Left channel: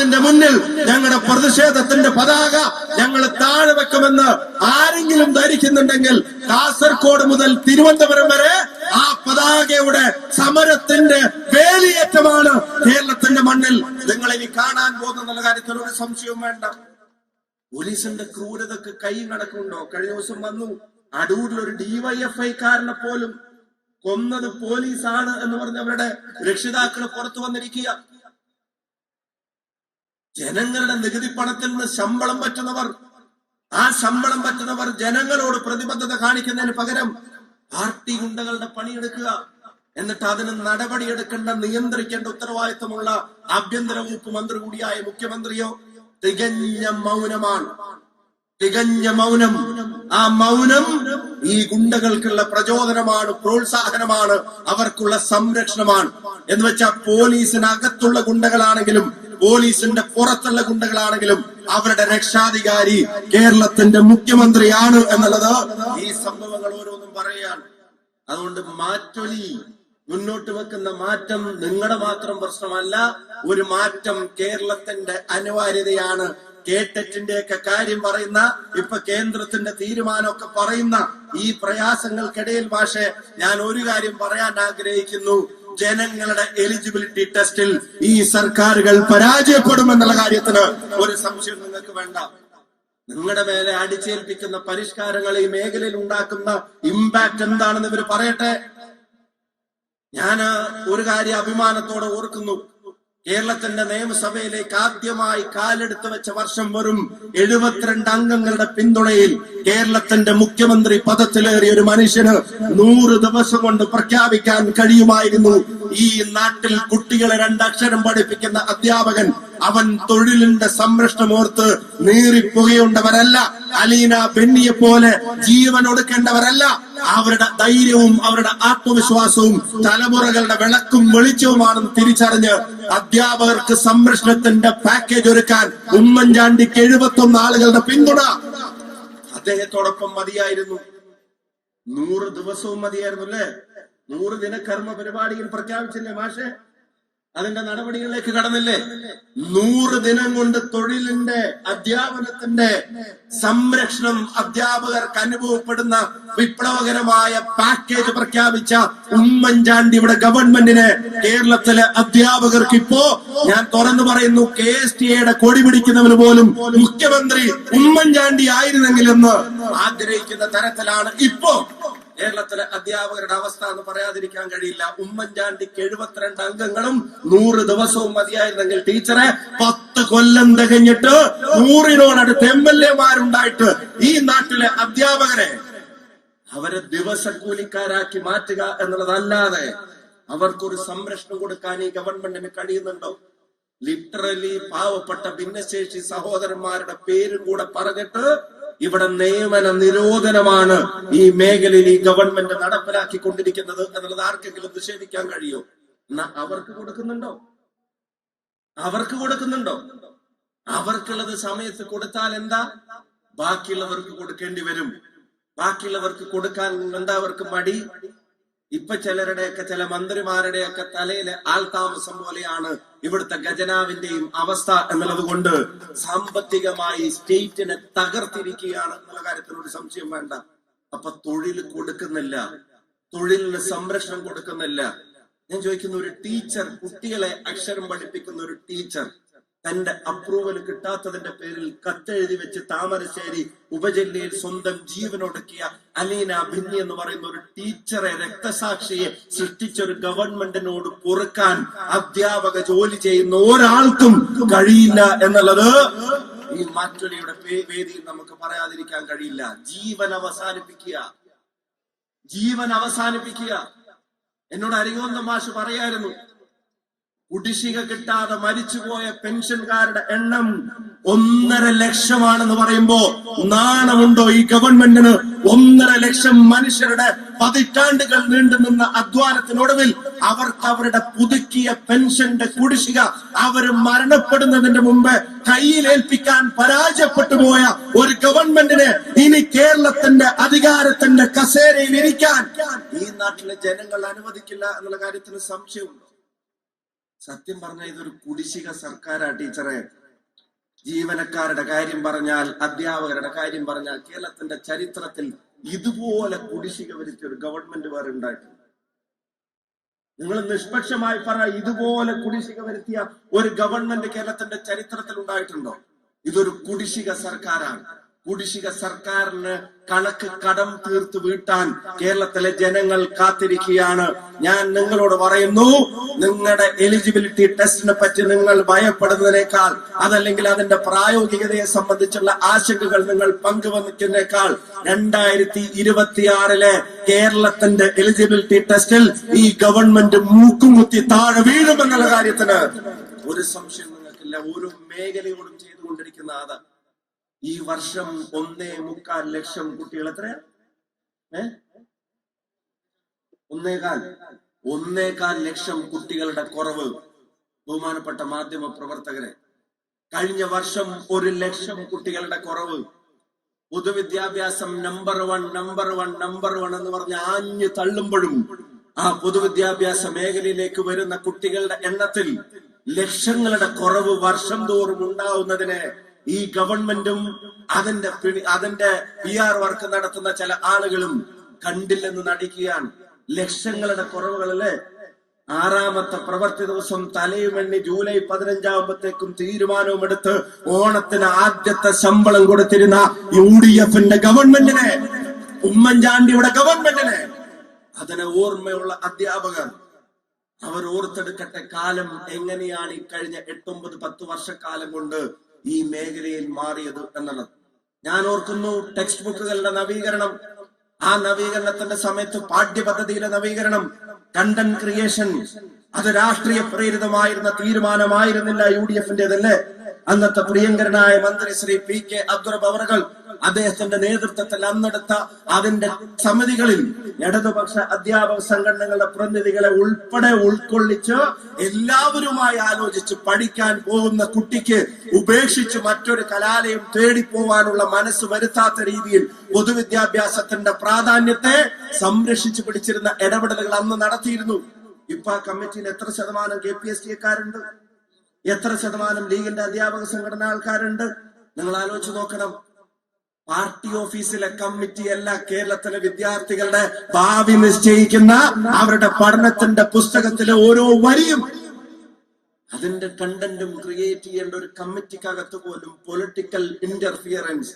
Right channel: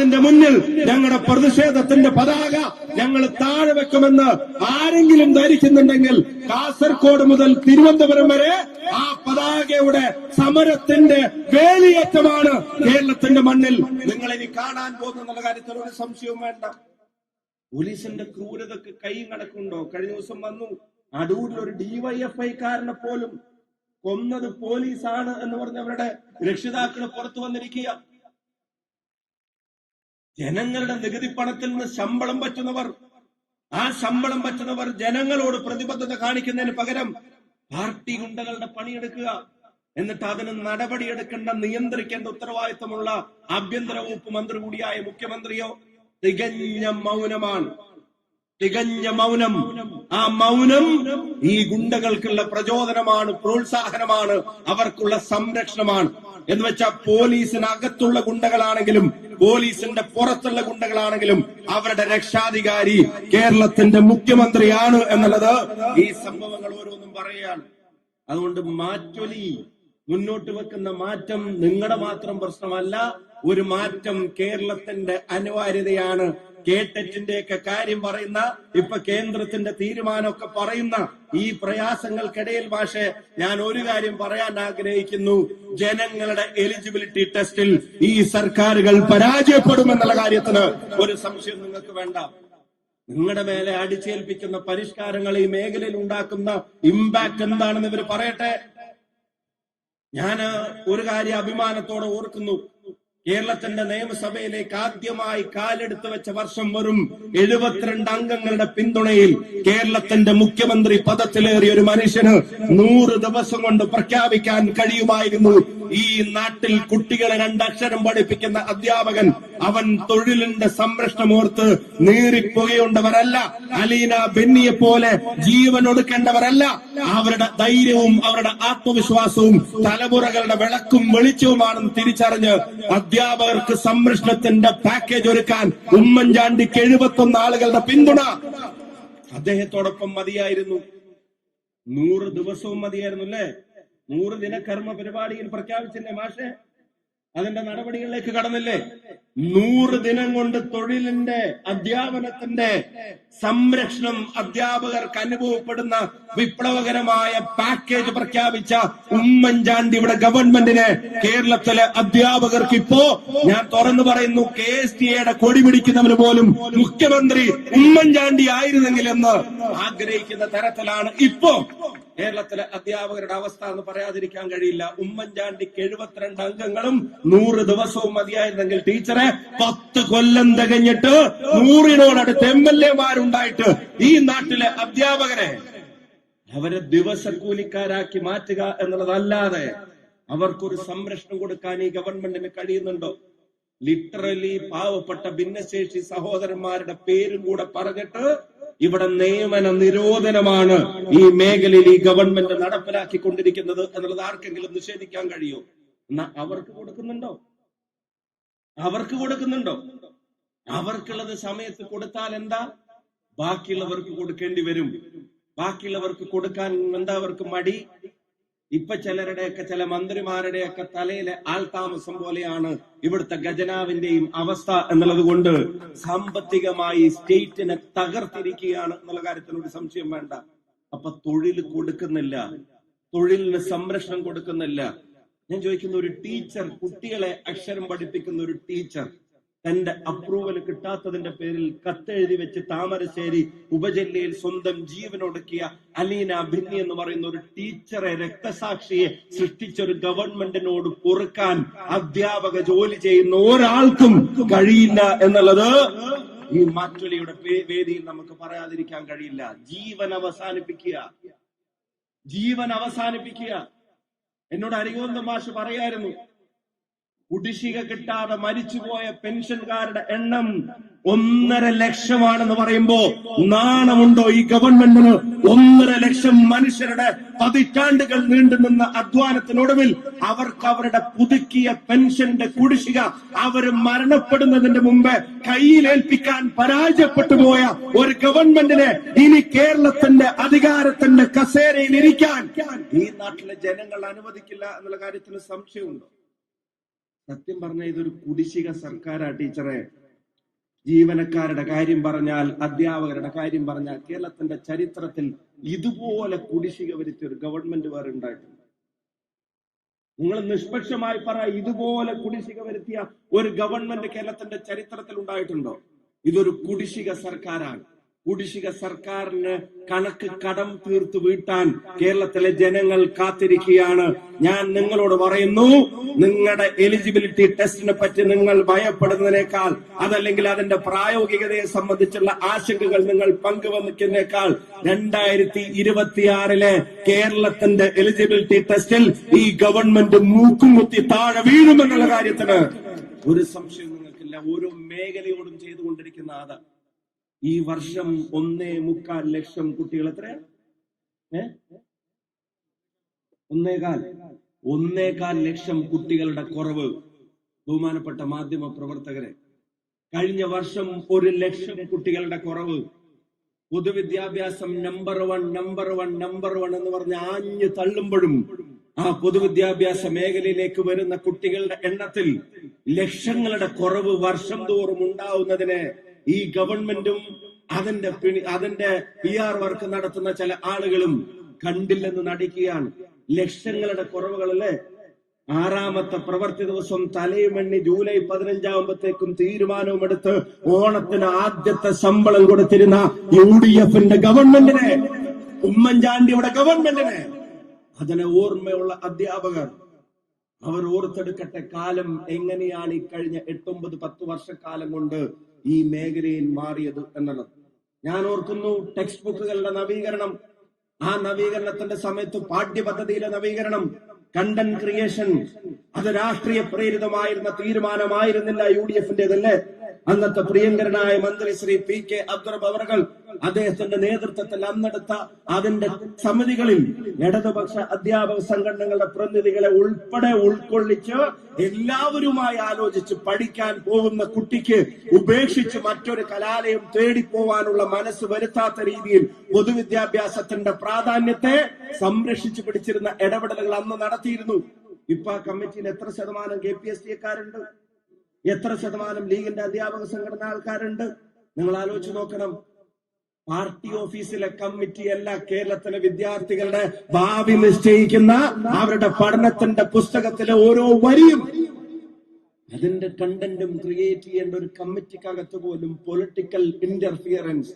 അതിന്റെ മുന്നിൽ ഞങ്ങളുടെ പ്രതിഷേധത്തിന്റെ പതാക ഞങ്ങൾ താഴെ വെക്കുമെന്ന് ആരെങ്കിലും ധരിക്കുന്നുണ്ടെങ്കിൽ കാസർഗോഡ് മുതൽ തിരുവനന്തപുരം വരെ ആ പതാകയുടെ സമരത്തിന്റെ വേലിയേറ്റമാണ് കേരളത്തിന്റെ മണ്ണിൽ. നിങ്ങൾ ഇനി കാണാൻ പോകുന്ന കാര്യത്തിൽ ഒരു സംശയവും വേണ്ട. പോലീസിന്റെ ക്രൂരതക്ക് കൈ നടക്കുന്നുണ്ടോ കഴിഞ്ഞ ദിവസം വന്നു. അടൂരിൽ ഒരു ഡിവൈഎഫ്ഐക്കാരനെ പോലും കൊന്നത് പോലീസാണ് എന്ന് പറഞ്ഞ് അവരുടെ രക്ഷിതാക്കൾ പുറത്തു വന്നിരിക്കുക ജനങ്ങളുടെ നികുതി പണത്തിൽ നിന്ന് ശമ്പളം പറ്റുന്നവർ ആ ശമ്പളം പറ്റുന്നവർ ജനങ്ങളോട് പ്രതിബദ്ധത കാണിക്കുന്നതിന് പകരം പാർട്ടി ഗുണ്ടകളുടെ പണിയെടുക്കുക. എന്നിട്ട് അതിന് നടപടിയെടുക്കേണ്ട നിയന്ത്രിക്കേണ്ട ഉത്തരവാദിത്തമുള്ള ആഭ്യന്തര വകുപ്പ് മന്ത്രി കൂടിയായ മുഖ്യമന്ത്രിയോ? തികഞ്ഞ മൗനമാണ്. തികഞ്ഞ മൗനം. ആ മൗനം ഈ ഗുണ്ടകൾക്കുള്ള പ്രചോദനമാണ് പ്രോത്സാഹനമാണ് അവർക്കുള്ള സംരക്ഷണമാണ്. എന്ന് വെച്ചാൽ പോലീസിനകത്തുള്ള ഗുണ്ടകളാണെങ്കിലും പോലീസിന്റെ പുറത്തുള്ള ഗുണ്ടകളാണെങ്കിലും അവരുടെ രക്ഷാധികാരി കേരളത്തിന്റെ മുഖ്യമന്ത്രിയാണ് എന്നുള്ളത് ഈ സംഭവങ്ങൾ ഓരോന്നും പറയാണ് അതുകൊണ്ട് മാറ്റൊലി മുന്നോട്ട് വെക്കുന്ന മാറ്റം നിങ്ങളുടെ മാത്രം പ്രശ്നമല്ല ഒരു മാറ്റം കേരളത്തിന്റെ അനിവാര്യതയാണ് കേട്ടറ്റിന്റെ ഒക്കെ കാര്യം പറയുന്ന ഇപ്പൊ കേന്ദ്രത്തിന്റെ തീരുമാനമൊക്കെ പറയുന്ന ഈ പ്രയാസങ്ങൾക്കിടയിൽ പക്ഷേ ഞാൻ ഒരു കാര്യം പറയാൻ ആഗ്രഹിക്കുന്നു. ജനങ്ങളുടെ എലിജിബിലിറ്റി ടെസ്റ്റിൽ ഈ സർക്കാരുകൾ പരാജയപ്പെടുമെന്നുള്ള കാര്യത്തിന് ഒരു സംശയം നിങ്ങൾക്ക് വേണ്ട. നിങ്ങളുടെ മേലെ അടിച്ചേൽപ്പിക്കുന്ന പരിഷ്കാരങ്ങൾ ഈ മേഖലയിൽ ഉണ്ടാക്കുന്ന ഇമ്പാക്ട് എന്താണെന്ന് ഇവർ പറയട്ടെ? ഞാൻ ഒരു കാര്യം അഭിമാനത്തോടെ ഓർക്കുന്നു. കേരളത്തിന്റെ നിയമസഭയിലേക്ക് ആദ്യമായി കാലെടുത്ത് വെച്ച വർഷം വെറും എഴുപത്തിരണ്ട് അംഗങ്ങളുടെ പിന്തുണയിൽ കേരളത്തിന്റെ മുഖ്യമന്ത്രി പദത്തിലേറിയ ഒരു മനുഷ്യന് നൂറ് ദിവസം കൊണ്ട് പ്രഖ്യാപിക്കാൻ കഴിയുമായിരുന്നു. ഈ നാട്ടിൽ കുട്ടികളെ രണ്ടക്ഷരം പഠിപ്പിക്കുന്ന അധ്യാപകൻ അവൻ തൊഴിലിന്റെ സംരക്ഷണം ഓർത്ത് നീറിപ്പുകയുണ്ടവരല്ല. അലീന ബെന്നിയെ പോലെ ജീവൻ ഒടുക്കേണ്ടവരല്ല. അവരുടെ ധൈര്യവും അവരുടെ ആത്മവിശ്വാസവും തലമുറകളുടെ വിളക്കും വെളിച്ചവുമാണെന്ന് തിരിച്ചറിഞ്ഞ് അധ്യാപകർക്ക് സംരക്ഷണത്തിന്റെ പാക്കേജ് ഒരുക്കാൻ ഉമ്മൻചാണ്ടിക്ക് എഴുപത്തൊന്ന് ആളുകളുടെ പിന്തുണ. അദ്ദേഹത്തോടൊപ്പം മതിയായിരുന്നു. നൂറ് ദിവസവും മതിയായിരുന്നു അല്ലേ നൂറ് ദിന കർമ്മ പരിപാടിയിൽ പ്രഖ്യാപിച്ചില്ലേ മാഷെ? അതിന്റെ നടപടികളിലേക്ക് കടന്നില്ലേ? നൂറ് ദിനം കൊണ്ട് തൊഴിലിന്റെ അധ്യാപനത്തിന്റെ സംരക്ഷണം അധ്യാപകർക്ക് അനുഭവപ്പെടുന്ന വിപ്ലവകരമായ പാക്കേജ് പ്രഖ്യാപിച്ച ഉമ്മൻചാണ്ടി ഇവിടെ ഗവൺമെന്റിന് കേരളത്തിലെ അധ്യാപകർക്ക് ഇപ്പോ ഞാൻ തുറന്നു പറയുന്നു കെ എസ് ടി എയുടെ കൊടി പിടിക്കുന്നവന് പോലും മുഖ്യമന്ത്രി ഉമ്മൻചാണ്ടി ആയിരുന്നെങ്കിലെന്ന് ആഗ്രഹിക്കുന്ന തരത്തിലാണ് ഇപ്പോ കേരളത്തിലെ അധ്യാപകരുടെ അവസ്ഥ എന്ന് പറയാതിരിക്കാൻ കഴിയില്ല. ഉമ്മൻചാണ്ടിക്ക് എഴുപത്തിരണ്ട് അംഗങ്ങളും നൂറ് ദിവസവും മതിയായിരുന്നെങ്കിൽ ടീച്ചറെ പത്ത് കൊല്ലം തികഞ്ഞിട്ട് നൂറിനോടടുത്ത് എം എൽ എമാരുണ്ടായിട്ട് ഈ നാട്ടിലെ അധ്യാപകരെ അവരെ ദിവസക്കൂലിക്കാരാക്കി മാറ്റുക എന്നുള്ളതല്ലാതെ അവർക്കൊരു സംരക്ഷണം കൊടുക്കാൻ ഈ ഗവൺമെന്റിന് കഴിയുന്നുണ്ടോ? ലിറ്ററലി പാവപ്പെട്ട ഭിന്നശേഷി സഹോദരന്മാരുടെ പേരും കൂടെ പറഞ്ഞിട്ട് ഇവിടെ നിയമന നിരോധനമാണ് ഈ മേഖലയിൽ ഈ ഗവൺമെന്റ് നടപ്പിലാക്കി കൊണ്ടിരിക്കുന്നത് എന്നുള്ളത് ആർക്കെങ്കിലും നിഷേധിക്കാൻ കഴിയോ? എന്നാ അവർക്ക് കൊടുക്കുന്നുണ്ടോ? അവർക്ക് കൊടുക്കുന്നുണ്ടോ? അവർക്കുള്ളത് സമയത്ത് കൊടുത്താൽ എന്താ? ബാക്കിയുള്ളവർക്ക് കൊടുക്കേണ്ടി വരും. ബാക്കിയുള്ളവർക്ക് കൊടുക്കാൻ എന്താ അവർക്ക് മടി? ഇപ്പൊ ചിലരുടെയൊക്കെ ചില മന്ത്രിമാരുടെയൊക്കെ തലയിലെ ആൾതാമസം പോലെയാണ് ഇവിടുത്തെ ഖജനാവിന്റെയും അവസ്ഥ എന്നുള്ളത് കൊണ്ട് സാമ്പത്തികമായി സ്റ്റേറ്റിനെ തകർത്തിരിക്കുകയാണ് എന്നുള്ള കാര്യത്തിൽ ഒരു സംശയം വേണ്ട. അപ്പൊ തൊഴിൽ കൊടുക്കുന്നില്ല. തൊഴിലിന് സംരക്ഷണം കൊടുക്കുന്നില്ല. ഞാൻ ചോദിക്കുന്ന ഒരു ടീച്ചർ കുട്ടികളെ അക്ഷരം പഠിപ്പിക്കുന്ന ഒരു ടീച്ചർ തന്റെ അപ്രൂവൽ കിട്ടാത്തതിന്റെ പേരിൽ കത്തെഴുതി വെച്ച് താമരശ്ശേരി ഉപജില്ലയിൽ സ്വന്തം ജീവനൊടുക്കിയ അലീന ഭിന്നി എന്ന് പറയുന്ന ഒരു ടീച്ചറെ രക്തസാക്ഷിയെ സൃഷ്ടിച്ച ഒരു ഗവൺമെന്റിനോട് പൊറുക്കാൻ അധ്യാപക ജോലി ചെയ്യുന്ന ഒരാൾക്കും കഴിയില്ല എന്നുള്ളത് ഈ മാറ്റൊലിയുടെ വേദിയിൽ നമുക്ക് പറയാതിരിക്കാൻ കഴിയില്ല. ജീവൻ അവസാനിപ്പിക്കുക. ജീവൻ അവസാനിപ്പിക്കുക. എന്നോട് അരികോന്ത മാഷ് പറയായിരുന്നു കുടിശ്ശിക കിട്ടാതെ മരിച്ചുപോയ പെൻഷൻകാരുടെ എണ്ണം ഒന്നര ലക്ഷമാണെന്ന് പറയുമ്പോ നാണമുണ്ടോ ഈ ഗവൺമെന്റിന്? ഒന്നര ലക്ഷം മനുഷ്യരുടെ പതിറ്റാണ്ടുകൾ നീണ്ടു നിന്ന അധ്വാനത്തിനൊടുവിൽ അവർക്ക് അവരുടെ പുതുക്കിയ പെൻഷന്റെ കുടിശ്ശിക അവർ മരണപ്പെടുന്നതിന്റെ മുമ്പ് കയ്യിലേൽപ്പിക്കാൻ പരാജയപ്പെട്ടു പോയ ഒരു ഗവൺമെന്റിനെ ഇനി കേരളത്തിന്റെ അധികാരത്തിന്റെ കസേരയിൽ ഇരിക്കാൻ ഈ നാട്ടിലെ ജനങ്ങൾ അനുവദിക്കില്ല എന്നുള്ള കാര്യത്തിന് സംശയമുണ്ട്. സത്യം പറഞ്ഞ ഇതൊരു കുടിശ്ശിക സർക്കാരാ ടീച്ചറെ. ജീവനക്കാരുടെ കാര്യം പറഞ്ഞാൽ അധ്യാപകരുടെ കാര്യം പറഞ്ഞാൽ കേരളത്തിന്റെ ചരിത്രത്തിൽ ഇതുപോലെ കുടിശ്ശിക വരുത്തിയ ഒരു ഗവൺമെന്റ് വേറെ ഉണ്ടായിട്ടുണ്ട് നിങ്ങൾ നിഷ്പക്ഷമായി പറ ഇതുപോലെ കുടിശ്ശിക വരുത്തിയ ഒരു ഗവൺമെന്റ് കേരളത്തിന്റെ ചരിത്രത്തിൽ ഉണ്ടായിട്ടുണ്ടോ? ഇതൊരു കുടിശ്ശിക സർക്കാരാണ്. കുടിശ്ശിക സർക്കാരിന് കണക്ക് കടം തീർത്ത് വീട്ടാൻ കേരളത്തിലെ ജനങ്ങൾ കാത്തിരിക്കുകയാണ്. ഞാൻ നിങ്ങളോട് പറയുന്നു നിങ്ങളുടെ എലിജിബിലിറ്റി ടെസ്റ്റിനെ പറ്റി നിങ്ങൾ ഭയപ്പെടുന്നതിനേക്കാൾ അതല്ലെങ്കിൽ അതിന്റെ പ്രായോഗികതയെ സംബന്ധിച്ചുള്ള ആശങ്കകൾ നിങ്ങൾ പങ്കുവെക്കുന്നതിനേക്കാൾ രണ്ടായിരത്തി ഇരുപത്തിയാറിലെ കേരളത്തിന്റെ എലിജിബിലിറ്റി ടെസ്റ്റിൽ ഈ ഗവൺമെന്റ് മൂക്കുമുത്തി താഴെ വീഴുമെന്നുള്ള കാര്യത്തിന് ഒരു സംശയം നിങ്ങൾക്കില്ല. ഓരോ മേഖലയോടും ചെയ്തുകൊണ്ടിരിക്കുന്ന അതാ. ഈ വർഷം ഒന്നേ മുക്കാൽ ലക്ഷം കുട്ടികൾ എത്രയാ? ഏ? ഒന്നേകാൽ. ഒന്നേകാൽ ലക്ഷം കുട്ടികളുടെ കുറവ്. ബഹുമാനപ്പെട്ട മാധ്യമ പ്രവർത്തകരെ കഴിഞ്ഞ വർഷം ഒരു ലക്ഷം കുട്ടികളുടെ കുറവ്. പൊതുവിദ്യാഭ്യാസം number one number one number one എന്ന് പറഞ്ഞ് ആഞ്ഞു തള്ളുമ്പോഴും ആ പൊതുവിദ്യാഭ്യാസ മേഖലയിലേക്ക് വരുന്ന കുട്ടികളുടെ എണ്ണത്തിൽ ലക്ഷങ്ങളുടെ കുറവ് വർഷം തോറും ഉണ്ടാവുന്നതിന് ഈ ഗവൺമെന്റും അതിന്റെ അതിന്റെ പി ആർ വർക്ക് നടത്തുന്ന ചില ആളുകളും കണ്ടില്ലെന്ന് നടിക്കുകയാണ്. ലക്ഷങ്ങളുടെ കുറവുകളിൽ ആറാമത്തെ പ്രവൃത്തി ദിവസം തലയുമെണ്ണി ജൂലൈ പതിനഞ്ചാകുമ്പോഴത്തേക്കും തീരുമാനവും എടുത്ത് ഓണത്തിന് ആദ്യത്തെ ശമ്പളം കൊടുത്തിരുന്ന യു ഡി എഫിന്റെ ഗവൺമെന്റിനെ ഉമ്മൻചാണ്ടിയുടെ ഗവൺമെന്റിനെ അതിന് ഓർമ്മയുള്ള അധ്യാപകർ അവർ ഓർത്തെടുക്കട്ടെ കാലം എങ്ങനെയാണ് ഈ കഴിഞ്ഞ എട്ടൊമ്പത് പത്ത് വർഷക്കാലം കൊണ്ട് ഈ മേഖലയിൽ മാറിയത് എന്നുള്ളത്. ഞാൻ ഓർക്കുന്നു ടെക്സ്റ്റ് ബുക്കുകളുടെ നവീകരണം. ആ നവീകരണത്തിന്റെ സമയത്ത് പാഠ്യപദ്ധതിയുടെ നവീകരണം. കണ്ടന്റ് ക്രിയേഷൻ അത് രാഷ്ട്രീയ പ്രേരിതമായിരുന്ന തീരുമാനമായിരുന്നില്ല യു ഡി എഫിന്റേതല്ലേ? അന്നത്തെ പ്രിയങ്കരനായ മന്ത്രി ശ്രീ പി കെ അബ്ദുറബ് അവറുകൾ അദ്ദേഹത്തിന്റെ നേതൃത്വത്തിൽ അന്നെടുത്ത അതിന്റെ സമിതികളിൽ ഇടതുപക്ഷ അധ്യാപക സംഘടനകളുടെ പ്രതിനിധികളെ ഉൾപ്പെടെ ഉൾക്കൊള്ളിച്ച് എല്ലാവരുമായി ആലോചിച്ച് പഠിക്കാൻ പോകുന്ന കുട്ടിക്ക് ഉപേക്ഷിച്ച് മറ്റൊരു കലാലയം തേടിപ്പോവാനുള്ള മനസ്സ് വരുത്താത്ത രീതിയിൽ പൊതുവിദ്യാഭ്യാസത്തിന്റെ പ്രാധാന്യത്തെ സംരക്ഷിച്ചു പിടിച്ചിരുന്ന ഇടപെടലുകൾ അന്ന് നടത്തിയിരുന്നു. ഇപ്പൊ ആ കമ്മിറ്റിയിൽ എത്ര ശതമാനം കെ പി എസ് എത്ര ശതമാനം ലീഗിന്റെ അധ്യാപക സംഘടന ആൾക്കാരുണ്ട്? നിങ്ങൾ ആലോചിച്ച് നോക്കണം. പാർട്ടി ഓഫീസിലെ കമ്മിറ്റി കമ്മിറ്റിയല്ല കേരളത്തിലെ വിദ്യാർത്ഥികളുടെ ഭാവി നിശ്ചയിക്കുന്ന അവരുടെ പഠനത്തിന്റെ പുസ്തകത്തിലെ ഓരോ വരിയും അതിന്റെ കണ്ടന്റും ക്രിയേറ്റ് ചെയ്യേണ്ട ഒരു കമ്മിറ്റിക്കകത്ത് പോലും പൊളിറ്റിക്കൽ ഇന്റർഫിയറൻസ്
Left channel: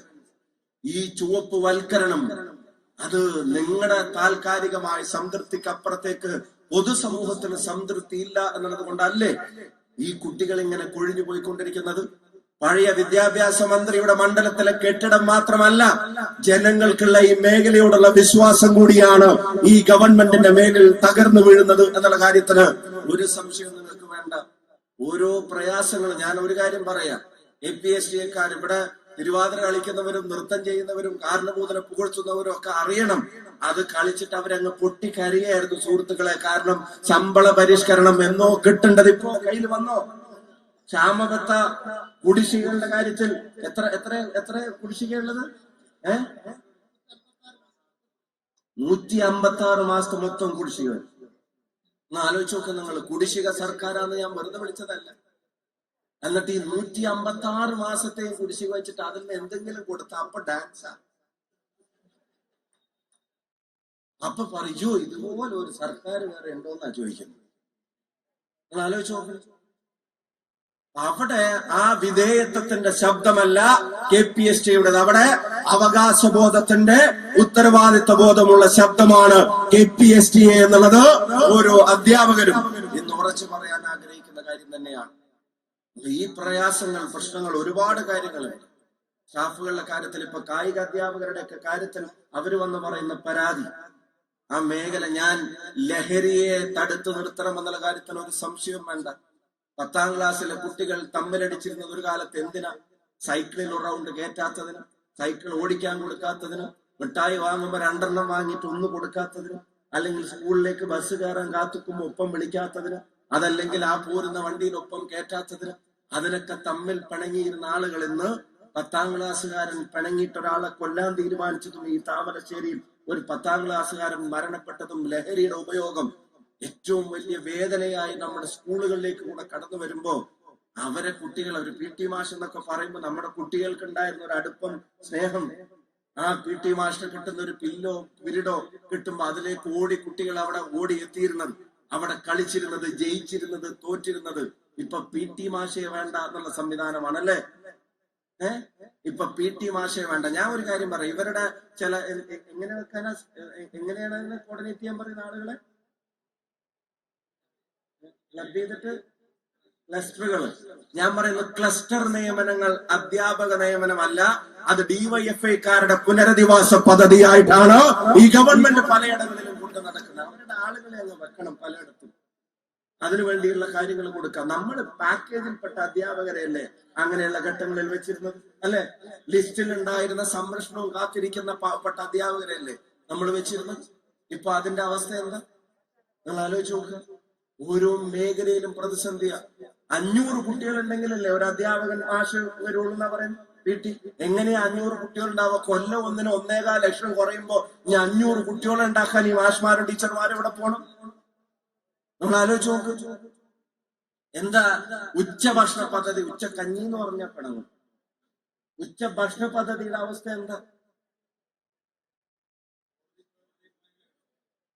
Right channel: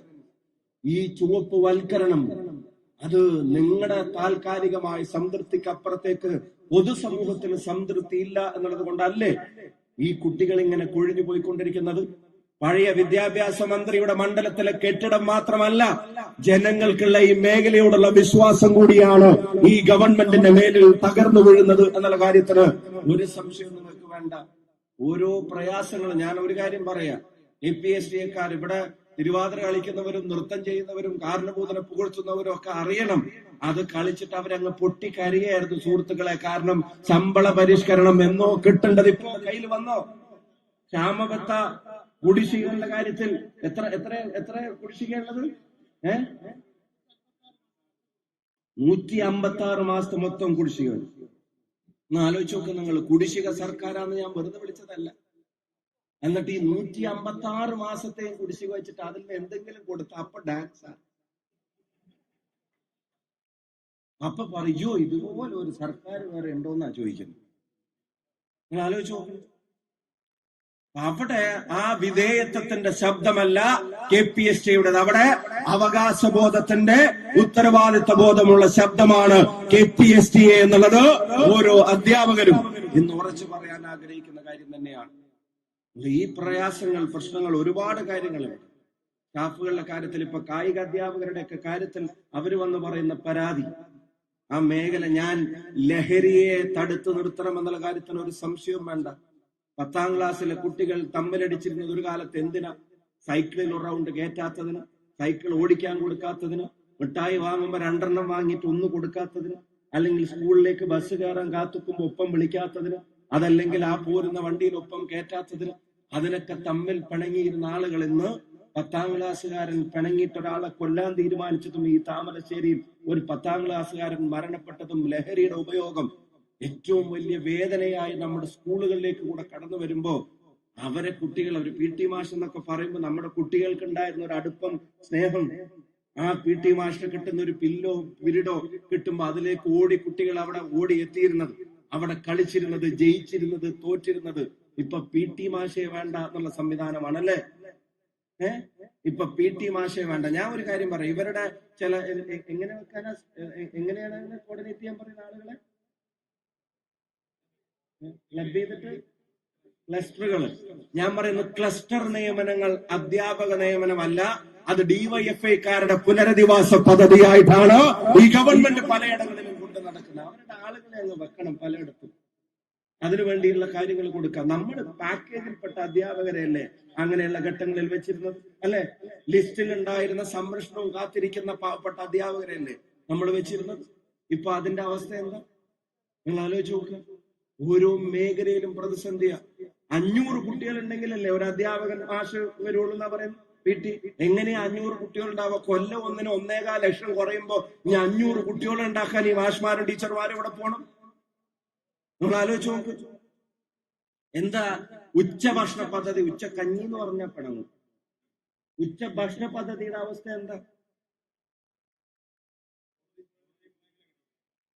ഈ ചുവപ്പ് വൽക്കരണം അത് നിങ്ങളുടെ താൽക്കാലികമായ സംതൃപ്തിക്ക് അപ്പുറത്തേക്ക് പൊതുസമൂഹത്തിന് സംതൃപ്തി ഇല്ല എന്നുള്ളത് കൊണ്ടല്ലേ ഈ കുട്ടികൾ ഇങ്ങനെ കൊഴിഞ്ഞു പോയിക്കൊണ്ടിരിക്കുന്നത്? പഴയ വിദ്യാഭ്യാസ മന്ത്രിയുടെ മണ്ഡലത്തിലെ കെട്ടിടം മാത്രമല്ല ജനങ്ങൾക്കുള്ള ഈ മേഖലയോടുള്ള വിശ്വാസം കൂടിയാണ് ഈ ഗവൺമെന്റിന്റെ മേലിൽ തകർന്നു വീഴുന്നത് എന്നുള്ള കാര്യത്തിന് ഒരു സംശയം നിങ്ങൾക്ക് വേണ്ട. ഓരോ പ്രയാസങ്ങളും ഞാൻ ഒരു കാര്യം പറയാം. എ പി എസ് ടിക്കാർ ഇവിടെ തിരുവാതിര കളിക്കുന്നവരും നൃത്തം ചെയ്യുന്നവരും കാരണഭൂതനെ പുകഴ്ത്തുന്നവരും ഒക്കെ അറിയണം. അത് കളിച്ചിട്ട് അവരങ്ങ് പൊട്ടിക്കരയായിരുന്നു സുഹൃത്തുക്കളെ. കാരണം ശമ്പള പരിഷ്കരണം എന്നോ കിട്ടേണ്ടത് ഇപ്പോ കയ്യിൽ വന്നോ? ക്ഷാമബത്ത കുടിശ്ശികളുടെ കാര്യത്തിൽ എത്ര എത്ര എത്ര കുടിശ്ശികയുള്ളത് ഏ? നൂറ്റി അമ്പത്തി ആറ് മാസത്തെ മൊത്തം കുടിശ്ശിക ഒന്ന് ആലോചിച്ച് നോക്ക് നിങ്ങൾ കുടിശ്ശിക സർക്കാരാന്ന് ഞാൻ വെറുതെ വിളിച്ചതല്ല. എന്നിട്ട് ഈ നൂറ്റി അമ്പത്തി ആറ് മാസത്തെ കുടിശ്ശിക വെച്ചിട്ട് അതിൽ എന്തെങ്കിലും കൊടുത്ത? അപ്പൊ ഡാൻസാ. അപ്പൊ പറയോ ഇതുപോലെ ഒരു സർക്കാർ വേറെ ഉണ്ടോന്നാ ചോദിക്കുന്നത്. നിങ്ങൾ ആലോചിച്ച് നോക്ക്. അവിടെ ആ വിധേയത്വത്തിന്റെ ശബ്ദമല്ല കെ പി എസ് ടിയുടേത്. അവിടെ അവകാശബോധത്തിന്റെ ഉത്തരവാദിത്വ ബോധമുള്ള ശബ്ദമാണ് കെ പി എസ് ടി എന്നുള്ളത് ഓരോ അധ്യാപകരും ഇന്ന് ഉറച്ചു പറയാൻ ആഗ്രഹിക്കുന്ന കാര്യം തന്നെയാണ്. ഈ പ്രയാസങ്ങൾ പ്രശ്നങ്ങൾ ഒരുപാട് കാര്യങ്ങളുണ്ട്. സ്റ്റാഫുകളുടെ കാര്യത്തിൽ ഇപ്പൊ കായിക അധ്യാപകരുടെ ഒക്കെ കാര്യത്തിൽ അവർ വന്ന് പറയുന്ന പരാതി ആ മേഖല ഞാൻ ലഹരിയെ തടുത്തു നിർത്തണം എന്നുള്ള കാര്യത്തിന് ഒരു സംശയം വേണ്ട. പത്താം ക്ലാസ്സിലെ കുട്ടികൾ തമ്മിലടിച്ചിരുന്നത് ഒരു കാലത്ത് എന്തിനാ സൈക്കിളിൽ ഒരു റൗണ്ട് കയറ്റാത്തതിന് സൈക്കിൾ ഓടിക്കാൻ കൊടുക്കാത്തതിന് മിഠായി വാങ്ങുമ്പോൾ രണ്ടെണ്ണം വാങ്ങിയിട്ട് ഒന്ന് കൊടുക്കാത്തതിന് അല്ലെങ്കിൽ സ്കൂളിലേക്ക് ബസ് കയറാൻ കാത്തുക്കുമ്പോൾ ഒപ്പം വിളിക്കാത്തതിന് അതല്ലെങ്കിൽ ആ പോരുന്ന വണ്ടിയിൽ ഒപ്പം കയറ്റാത്തതിന് അതിനൊക്കെ തമ്മിൽ പിണങ്ങിയിരുന്ന ആളുകൾ ഇന്ന് പത്താം ക്ലാസ്സുകാരൻ പിണങ്ങിയിട്ട് ഒരാളെ കൊല്ലാൻ തീരുമാനിച്ചതും ഈ താമരശ്ശേരിയിൽ ഒരു പത്താം ക്ലാസ്സുകാരൻ മരണപ്പെട്ടതും ലഹരിയുടെ ഉപയോഗം ഏറ്റവും വലിയ വേദനയായി നമ്മുടെ സ്കൂളുകളിലേക്ക് കൂടെ കടന്നു വരുമ്പോ അവരെ കുട്ടികൾ ഒരു പി ടി മാഷ് എന്നൊക്കെ പറയുമ്പോൾ നമ്മുടെ കുട്ടികൾക്ക് ഉണ്ടായിരുന്ന ഒരു അടുപ്പം സ്നേഹം ആ പി ടി മാഷിന് കിട്ടുന്ന ഒരു പില്ലോ പിരിടോ കിട്ടുമ്പോ അതിലേക്ക് ഓടി കുട്ടികൾ അവിടെ ഓടി എത്തിയിരുന്നത്. അവിടെ കളിച്ചിരുന്നത് ജയിച്ചിരുന്നത് തോറ്റിരുന്നത്. ഇപ്പൊ പി ടി മാഷയെ വേണ്ട എന്നുള്ള സംവിധാനമാണല്ലേ? ഏ? ഇപ്പൊ പി ടി മാഷയെ വേണ്ട. ഞാൻ ഒരു കാര്യം പറയാം. ഇവരുടെ ചില എ- എ- എങ്ങനെ വെക്കാനാ എങ്ങനെയാണ് കോർഡിനേറ്റ് ചെയ്യാൻ പറയുന്ന ആളുകളെ? ക്ലബ് ചെയ്തിട്ട് ക്ലസ്റ്ററുകൾ ഞാൻ പറയുന്നു ക്ലസ്റ്റർ നിയമനങ്ങൾ അധ്യാപക നിയമനമല്ല അത് ഡിവൈഎഫ്ഐക്കാരുടെ പുനരധിവാസ പദ്ധതിയായിട്ടാണ് ഈ ഗവൺമെന്റ് പലയിടങ്ങളിലും കൊണ്ട് നടക്കുന്നത്. അവരുടെ ആളുകളെ അങ്ങ് വെക്കണം പലയിടത്തും. അതിനുവേണ്ടിയുള്ള കാര്യങ്ങൾ കൊടുക്കാം നമ്മൾ പാക്കേജിൽപ്പെട്ട അധ്യാപകരെയല്ലേ അങ്ങനെയുള്ള ഘട്ടങ്ങളിൽ വെച്ചിരുന്നത്? അല്ലെ? ലിസ്റ്റിൽ ഉണ്ടായിരുന്ന സംരക്ഷണവും കാത്തിരിക്കുന്ന പാവപ്പെട്ട അധ്യാപകരല്ലേ നമ്മൾ വെച്ചിരുന്നത്? ഇപ്പൊ അതിന്റെ അവസ്ഥ എന്താ? നിങ്ങൾ ആലോചിച്ച് നോക്കുക ഓരോ മേഖലയിലും പ്രതിസന്ധിയ. അഞ്ഞൂറ് കുട്ടികളുണ്ടെങ്കിലല്ലേ ഒരു അധ്യാപകൻ മാഷ് വരുള്ളൂ എന്നാ പറയുന്നത് വീട്ടിൽ എങ്ങനെയാ അഞ്ഞൂറ് കുട്ടികളുണ്ടാവുക? കൊല്ലം ഒന്നിന് ഒന്നേകാൽ ലക്ഷം കുറയുമ്പോ ഇനി അഞ്ഞൂറ് കുട്ടികളെ ഉണ്ടാക്കാൻ ഈ മാഷ്മാരും ടീച്ചർമാരും ഇവിടെ പോണം? നിങ്ങൾ ആലോചിച്ച് നോക്ക്. എന്താ ഉച്ചഭക്ഷണ പദ്ധതി? ഉച്ച കഞ്ഞി എന്ന് പറഞ്ഞ പിണങ്ങും. ഉച്ച ഭക്ഷണ പദ്ധതിയുടെ അവസ്ഥ എന്താ?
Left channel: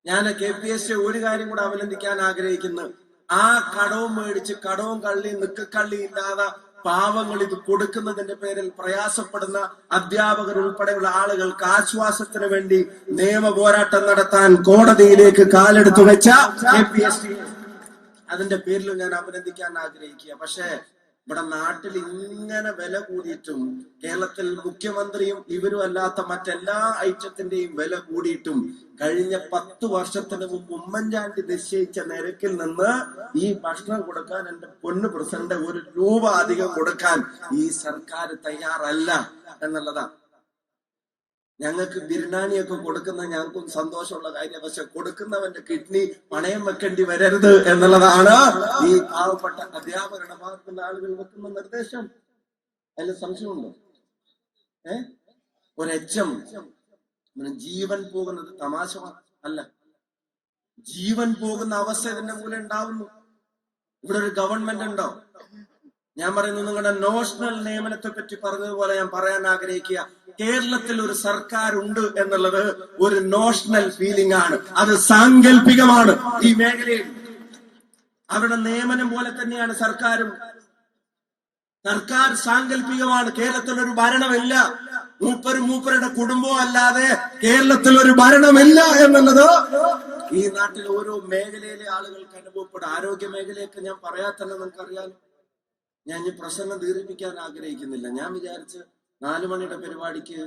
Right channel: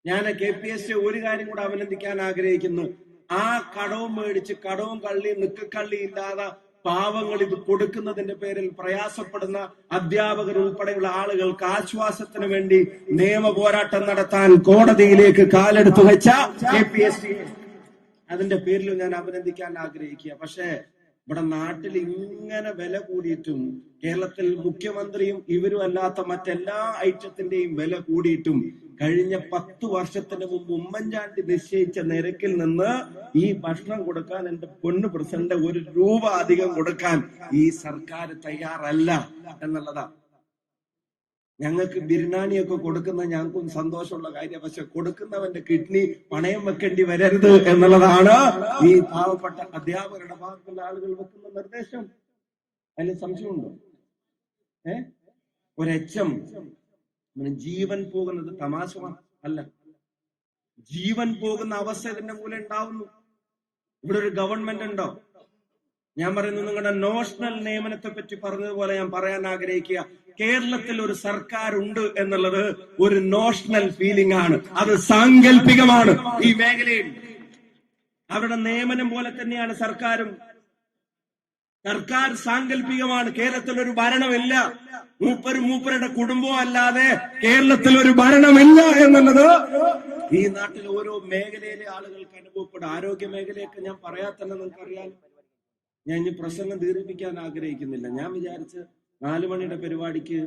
ഞാൻ കെ പി എസ് സി ഒരു കാര്യം കൂടെ അഭിനന്ദിക്കാൻ ആഗ്രഹിക്കുന്നു. ആ കടവും മേടിച്ച് കടവും കള്ളി നിക്കക്കള്ളി ഇല്ലാതെ പാവങ്ങൾ ഇത് കൊടുക്കുന്നതിന്റെ പേരിൽ പ്രയാസപ്പെടുന്ന അധ്യാപകർ ഉൾപ്പെടെയുള്ള ആളുകൾക്ക് ആശ്വാസത്തിന് വേണ്ടി നിയമ പോരാട്ടം നടത്താൻ കോടതിയിലേക്ക് കാലെടുത്തു വെച്ച കെ പി എസ് സി. അതിന്റെ പേരിലും ഞാൻ അഭിനന്ദിക്കാൻ ആഗ്രഹിക്കുക. പക്ഷേ ഇവിടെ നാട്ടിൽ ഇങ്ങനെ വില കൂടിയിട്ടും കേരളത്തിൽ മുഖ്യമന്ത്രിയും ഇവരും അല്ലാത്ത മറ്റെല്ലാ ഐറ്റത്തിന്റെയും വില കൂടിയിട്ടും കഴിഞ്ഞ പത്ത് വർഷത്തിന് മുമ്പ് ഉമ്മൻചാണ്ടി നിശ്ചയിച്ച നിരക്കിൽ നിന്ന് ഈ ഭക്ഷണം കൊടുക്കാൻ എന്റെ പൊന്ന് പ്രസിഡന്റ് ഒരു രൂപ അധികം കൊടുക്കാൻ ഈ സർക്കാർ തയ്യാറല്ല എന്നുള്ളതാ ഞങ്ങൾക്ക് ബിരിയാണിയൊക്കെ കൊടുക്കുന്ന ഞങ്ങൾക്കും സന്തോഷമുള്ള കാര്യം. പക്ഷെ കൊടുക്കുന്നവന്റെ കിഡ്നി പണയം വെക്കേണ്ടി വരരുത് എന്നുള്ളതാണ് ഈ പാവപ്പെട്ട അധ്യാപകരുടെ ഭാഗത്തുള്ള ആളുകൾ വെക്കുന്ന നിർദ്ദേശം. അതിൽ സംശയമുണ്ടോ? ഏ? ഒരു എച്ചം ജീവൻ പോകുന്നത് തമാശ അല്ല. ജീവൻ പോകുന്ന അവസ്ഥ ഇതിന്റെ മൂലം ഉണ്ടാവുന്നു. ഇവിടെ ഒരു ഗവൺമെന്റ് ഉണ്ടോ? ഞാൻ പറയുന്നു നിങ്ങളുടെ നോഷണൽ നിയമനത്തെ പറ്റി പറഞ്ഞതുപോലെ ഞാൻ പറയാൻ ആഗ്രഹിക്കുക. കേരളത്തിൽ ഒരു സർക്കാർ ഉണ്ട് എന്നുള്ളത് ഒരു നോഷണൽ ഫീലിംഗ് ആണ്. അത് സാങ്കല്പികമാണ് ഈ മേഖലയിൽ. അവരുടെ നിയമനം പോലെ തന്നെയാണ് സർക്കാരും. സർക്കാർ സാങ്കല്പികമാണ് കേരളത്തിൽ ഒരു ഭരണമില്ല. മൂപ്പരും മൂപ്പരുടെ കുടുംബവും അല്ലാതെ കേരളത്തിൽ ഒരു ഭരണമില്ല എന്നുള്ളത് ഈ നാട്ടിൽ ഓരോ മേഖലയിലെ ആളുകൾക്ക് അനുഭവപ്പെടും. ആരോഗ്യ മേഖലയൊക്കെ ഞാൻ പറയാത്തന്നെ തന്നെ നിങ്ങൾക്കറിയാം ഞാൻ ഈ പ്രസംഗം ദീർഘിപ്പിക്കാൻ ആഗ്രഹിക്കുന്നില്ല. ഞാൻ വിചാരിച്ച് നാലു മണിയുടെ പരിപാടിക്ക്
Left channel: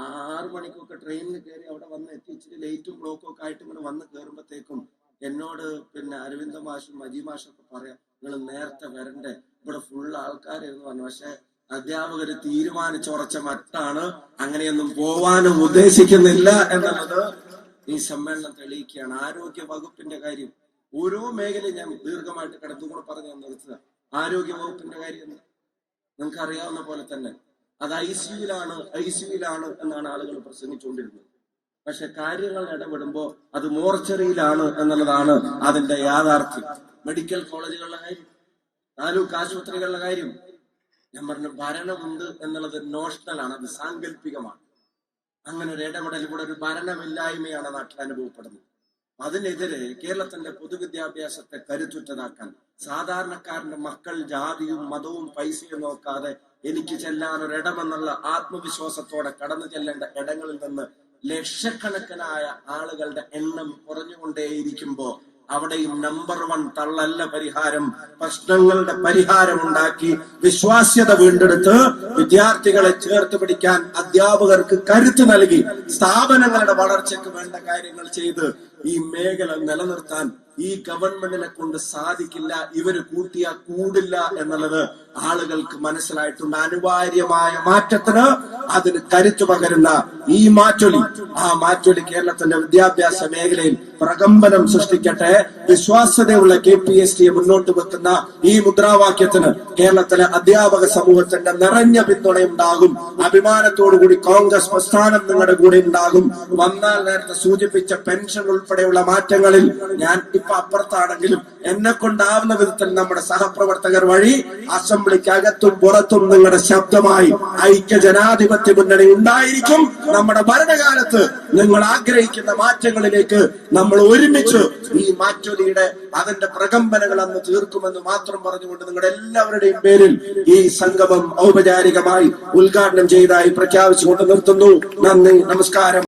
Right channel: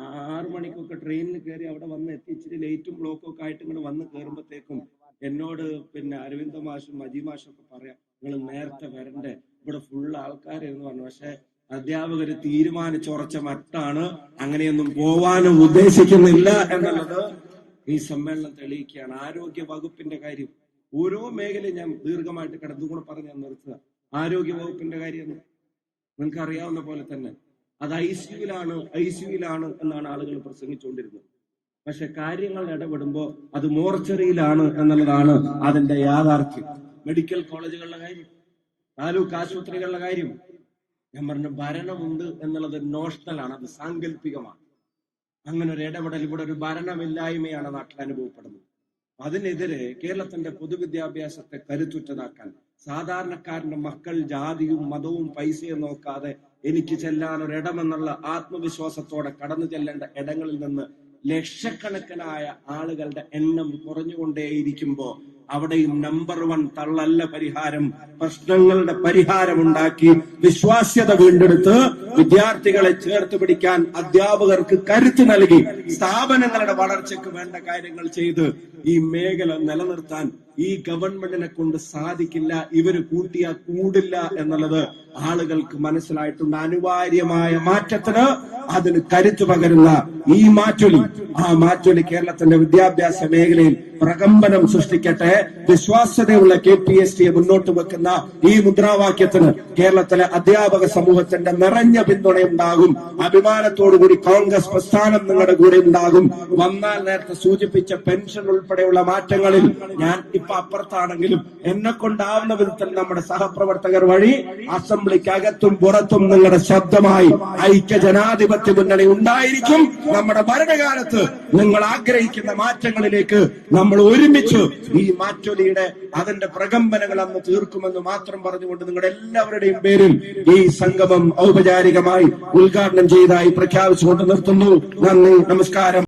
ആറു മണിക്കൊക്കെ ട്രെയിനിൽ കയറി അവിടെ വന്ന് എത്തി. ഇച്ചിരി ലേറ്റും ബ്ലോക്കും ഒക്കെ ആയിട്ട് ഇങ്ങനെ വന്ന് കയറുമ്പോഴത്തേക്കും എന്നോട് പിന്നെ അരവിന്ദ മാഷും മജി മാഷും ഒക്കെ പറയാം നിങ്ങൾ നേരത്തെ വരണ്ടേ? ഇവിടെ ഫുൾ ആൾക്കാരെന്ന് പറഞ്ഞു. പക്ഷെ അധ്യാപകര് തീരുമാനിച്ചുറച്ച മട്ടാണ്. അങ്ങനെയൊന്നും പോവാനും ഉദ്ദേശിക്കുന്നില്ല എന്നുള്ളത് ഈ സമ്മേളനം തെളിയിക്കുകയാണ്. ആരോഗ്യ വകുപ്പിന്റെ കാര്യം. ഓരോ മേഖലയും ഞാൻ ദീർഘമായിട്ട് കിടന്നുകൂടെ പറഞ്ഞ് നിർത്തുക. ആരോഗ്യ വകുപ്പിന്റെ കാര്യം? നിങ്ങൾക്ക് അറിയാവുന്ന പോലെ തന്നെ അത് ഐ സിയുലാണ് ഐ സിയുലാണ് എന്നാണ് ആളുകൾ പ്രസംഗിച്ചുകൊണ്ടിരുന്നത്. പക്ഷെ കാര്യങ്ങൾ ഇടപെടുമ്പോ അത് മോർച്ചറിയിലാണ് എന്നുള്ളതാണ് അതിന്റെ യാഥാർത്ഥ്യം. മെഡിക്കൽ കോളേജുകളുടെ കാര്യം താലൂക്ക് ആശുപത്രികളുടെ കാര്യം. ഞാൻ പറഞ്ഞു ഭരണമുണ്ട് എന്നുള്ളത് നോഷണലാണ് അത് സാങ്കല്പികമാണ്. അങ്ങനെ ഒരു ഇടപെടൽ ഇവിടെ ഒരു ഭരണമില്ലായ്മയാണ് നാട്ടിൽ അനുഭവപ്പെടുന്നത്. അതിനെതിരെ കേരളത്തിന്റെ പൊതുവിദ്യാഭ്യാസത്തെ കരുത്തുറ്റതാക്കാൻ സാധാരണക്കാരന്റെ മക്കൾ ജാതിയും മതവും പൈസയും നോക്കാതെ എനിക്ക് ചെല്ലാൻ ഒരിടമെന്നുള്ള ആത്മവിശ്വാസത്തോടെ കടന്നു ചെല്ലേണ്ട ഇടങ്ങളിൽ നിന്ന് ലക്ഷക്കണക്കിനായ ആളുകളുടെ എണ്ണം കുറഞ്ഞുകൊണ്ടേയിരിക്കുമ്പോ അവിടെയും നമ്പർ വൺ തള്ളല്ല പരിഹാരം. പ്രശ്നങ്ങളുടെ പരിഹാരം ഉണ്ടാക്കി വിശ്വാസ്യത വീണ്ടെടുത്ത് വിദ്യാർത്ഥികളെ ചേർത്ത് പിടിക്കാൻ അധ്യാപകർക്ക് കരുത്ത് നൽകി സ്ഥാപനങ്ങളുടെ വളർച്ചയ്ക്ക് വേണ്ട കാര്യങ്ങൾ ചെയ്ത് ഈ മേഖല നിലനിർത്താൻ ഈ ഗവൺമെന്റിനെ കൊണ്ട് സാധിക്കില്ല ഇവർ കൂട്ടിയാ കൂടില്ല എന്നുള്ളത് ആളുകൾക്ക് മനസ്സിലായിട്ടുണ്ട്. അനിവാര്യമായ മാറ്റത്തിന് അതിന് കരുത്തു പകരുന്ന ഈ മാറ്റൊലി ആ മാറ്റൊലി കേരളത്തിന്റെ വിദ്യാഭ്യാസ മേഖലയിൽ പ്രകമ്പനം സൃഷ്ടിക്കട്ടെ. വിശ്വാസ്യതയുള്ള കെ പി എസ് ടിയെ മുന്നോട്ട് വെക്കുന്ന ഈ മുദ്രാവാക്യത്തിന് കേരളത്തിലെ അധ്യാപക സമൂഹത്തിന്റെ നിറഞ്ഞ പിന്തുണയുണ്ടാകും. അഭിമാനത്തോടുകൂടി കോൺഗ്രസ് പ്രസ്ഥാനം നിങ്ങളുടെ കൂടെ ഉണ്ടാകും. വന്നാൽ നേരത്തെ സൂചിപ്പിച്ച പെൻഷൻ ഉൾപ്പെടെയുള്ള മാറ്റങ്ങളിൽ ഞാൻ ഇപ്പൊ അപ്പുറത്താണെങ്കിലും എന്നെ കൊണ്ടാവുന്ന വിധത്തിൽ നമ്മുടെ സഹപ്രവർത്തകർ വഴി അസംബ്ലിക്ക് അകത്തും പുറത്തും നിങ്ങളുടെ ശബ്ദമായി ഐക്യ ജനാധിപത്യ മുന്നണി ഉണ്ടായിരിക്കും. നമ്മുടെ ഭരണകാലത്ത് നിങ്ങൾ ആഗ്രഹിക്കുന്ന മാറ്റങ്ങളിലേക്ക് നമ്മൾ ഒരുമിച്ച് ഈ മാറ്റൊലിയുടെ അതിന്റെ പ്രകമ്പനങ്ങൾ അന്ന് തീർക്കുമെന്ന് മാത്രം പറഞ്ഞുകൊണ്ട് നിങ്ങളുടെ എല്ലാവരുടെയും പേരിൽ ഈ സംഗമം ഔപചാരികമായി ഉദ്ഘാടനം ചെയ്തതായി പ്രഖ്യാപിച്ചുകൊണ്ട് നിർത്തുന്നു. നന്ദി നമസ്കാരം.